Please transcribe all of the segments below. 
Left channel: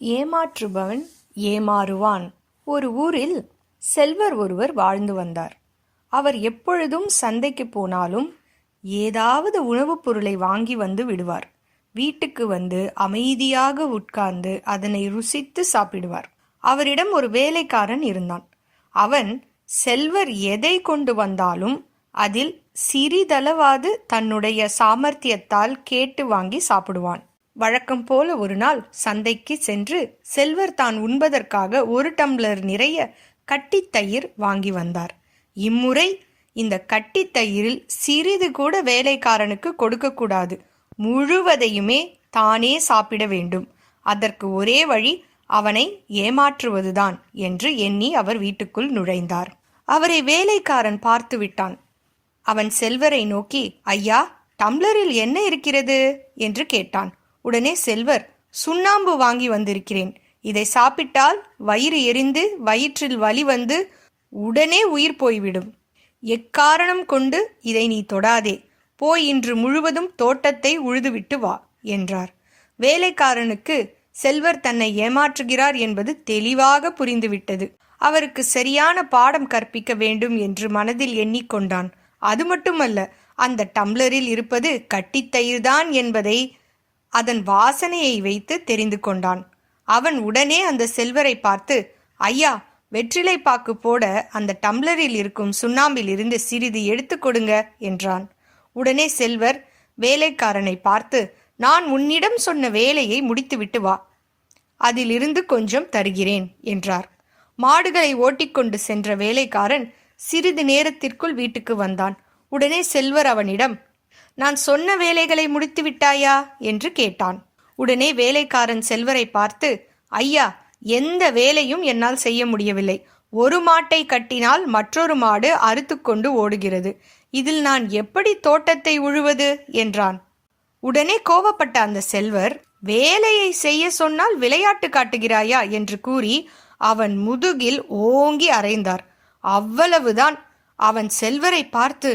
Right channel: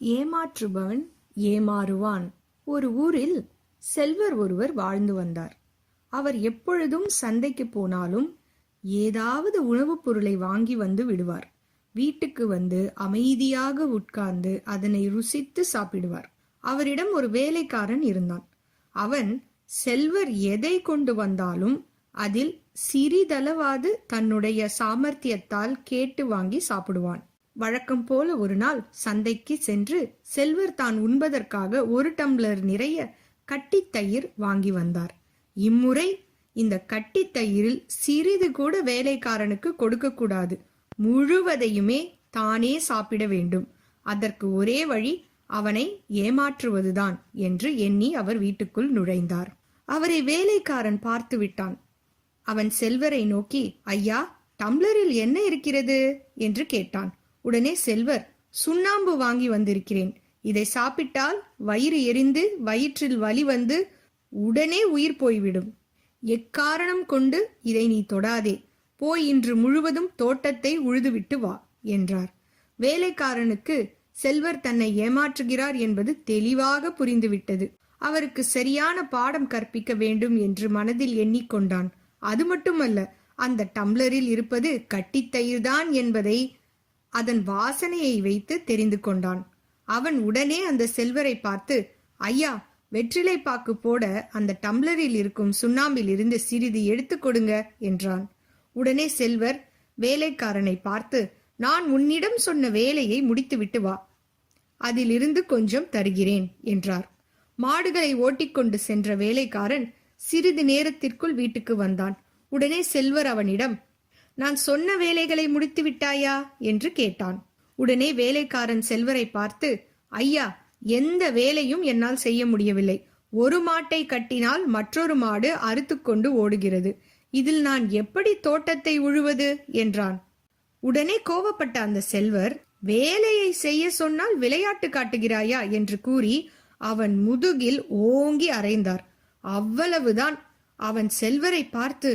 ஏமாற்றுபவன் ஏமாறுவான். ஒரு ஊரில் செல்வர் ஒருவர் வாழ்ந்து வந்தார். அவர் எப்பொழுதும் சந்தைக்கு போனாலும் ஏதாவது உணவுப் பொருளை வாங்கி வந்து விடுவார். வீட்டுக்கு வந்து அமைதியாக உட்கார்ந்து அதனை ருசித்து சாப்பிடுவார். அவரிடம் ஒரு வேலைக்காரன் இருந்தான். அவன் செல்வர் எதை கொண்டு வந்தாலும் அதில் சிறிதளவாது தன்னுடைய சாமர்த்தியத்தால் கேட்டு வாங்கி சாப்பிடுவான். வழக்கம் போல ஒரு நாள் சந்தைக்கு சென்று செல்வர் தான் உண்பதற்காக ஒரு டம்ளர் நிறைய கட்டித்தயிர் வாங்கி வந்தார். இம்முறை இந்த கட்டித்தயிரில் சிறிது கூட வேலைக்காரனுக்கு கொடுக்கக்கூடாது முழுவதையுமே தானே சாப்பிட வேண்டும். அதற்கு ஒரே வழி அவனை ஏமாற்றுவதுதான் என்று எண்ணி அவர் வீட்டுக்குள் நுழைந்தார். அவரை வேலைக்காரன் பார்த்து விட்டான். அவன் செல்வரை நோக்கி ஐயா டம்ளரில் என்ன இருக்கிறது? என்று கேட்டான். உடனே செல்வர் சுண்ணாம்பு வாங்கி வந்திருக்கிறேன். இதை சாப்பிட்டால் வயிறு எரிந்து வயிற்றில் வலி வந்து உடனே உயிர் போய்விடும். எக்காரணம் கொண்டு இதை நீ தொடாதே. போய் இன்று முழுவதும் தோட்டத்தை உழுதுவிட்டு வா என்றார். வேலைக்காரனுக்கு செல்வர் தன்னை ஏமாற்றுகிறார் என்பது தெளிவாக புரிந்துவிட்டது. அவருக்கு சரியான பாடம் கற்பிக்க வேண்டும் என்று மனதில் எண்ணிக்கொண்டான். அது மட்டுமல்ல அந்த டம்ளரில் இருப்பது கட்டித்தயிர்தான் என்பதை அதன் வாசனையை வைத்து தெரிந்து கொண்டான். அவன் உடனே அந்த செல்வரை பார்த்து ஐயா வெற்றிலை பாக்கு போட அந்த டம்ளரில் இருக்கும் சுண்ணாம்பில் இருந்து சிறிது எடுத்து கொடுங்க என்றான். உடனே செல்வர் வேலைக்காரனை பார்த்து நான் உன்னிடம் சொன்ன வேலையை முடித்துவிட்டு வா. அதிலிருந்து கொஞ்சம் தருகிறேன் என்றார். மாடுகளை ஓட்டிக்கொண்டு சென்ற வேலைக்காரன் சிறிது நேரத்திற்குள் வீட்டுக்கு வந்தான். உடனே செல்வர் அவனிடம் நான் சொன்ன வேலைகளை முடித்து விட்டாயா? என்று கேட்டான். உடனே வேலைக்காரன் செல்வரை பார்த்து ஐயா எந்த வேலையும் என்னால் செய்ய முடியவில்லை. ஒரு மாட்டை கட்டினால் மற்றொரு மாடு அறுத்துக்கொண்டு ஓடுகிறது. இதில் நான் எப்படி தோட்டத்தை உழுவது? என்றான். உடனே கோவப்பட்ட அந்த செல்வர் வேலையை செய்ய சொன்னால் விளையாட்டு காட்டுகிறாயா? என்று கூறி அவன் முதுகில் ஓங்கி அறைந்தார். அவ்வளவுதான். அவன் செல்வரை பார்த்து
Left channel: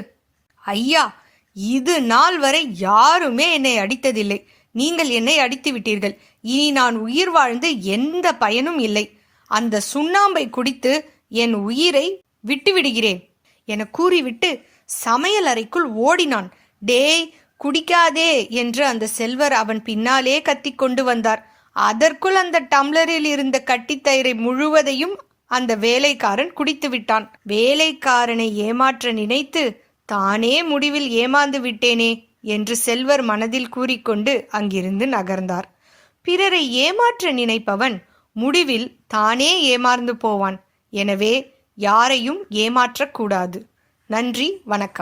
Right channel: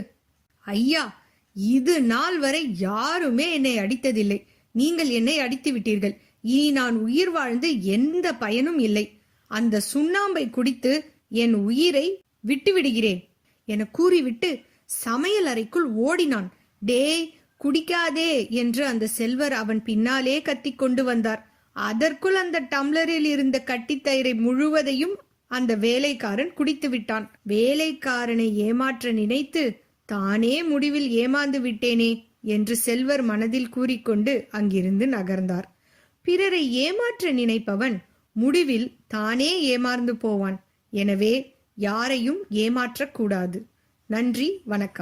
ஐயா இது நாள் வரை யாருமே என்னை அடித்ததில்லை. நீங்கள் என்னை அடித்து விட்டீர்கள். இனி நான் உயிர் வாழ்ந்து எந்த பயனும் இல்லை. அந்த சுண்ணாம்பை குடித்து என் உயிரை விட்டுவிடுகிறேன் என கூறிவிட்டு சமையல் அறைக்குள் ஓடினான். டேய் குடிக்காதே என்று அந்த செல்வர் அவன் பின்னாலே கத்திக்கொண்டு வந்தார். அதற்குள் அந்த டம்ளரில் இருந்த கட்டித்தயிரை முழுவதையும் அந்த வேலைக்காரன் குடித்து விட்டான். வேலைக்காரனை ஏமாற்ற நினைத்து தானே முடிவில் ஏமாந்து விட்டேனே என்று செல்வர் மனதில் கூறிக்கொண்டு அங்கிருந்து நகர்ந்தார். பிறரை ஏமாற்ற நினைப்பவன் முடிவில் தானே ஏமாந்து போவான். எனவே யாரையும் ஏமாற்றக்கூடாது. நன்றி வணக்கம்.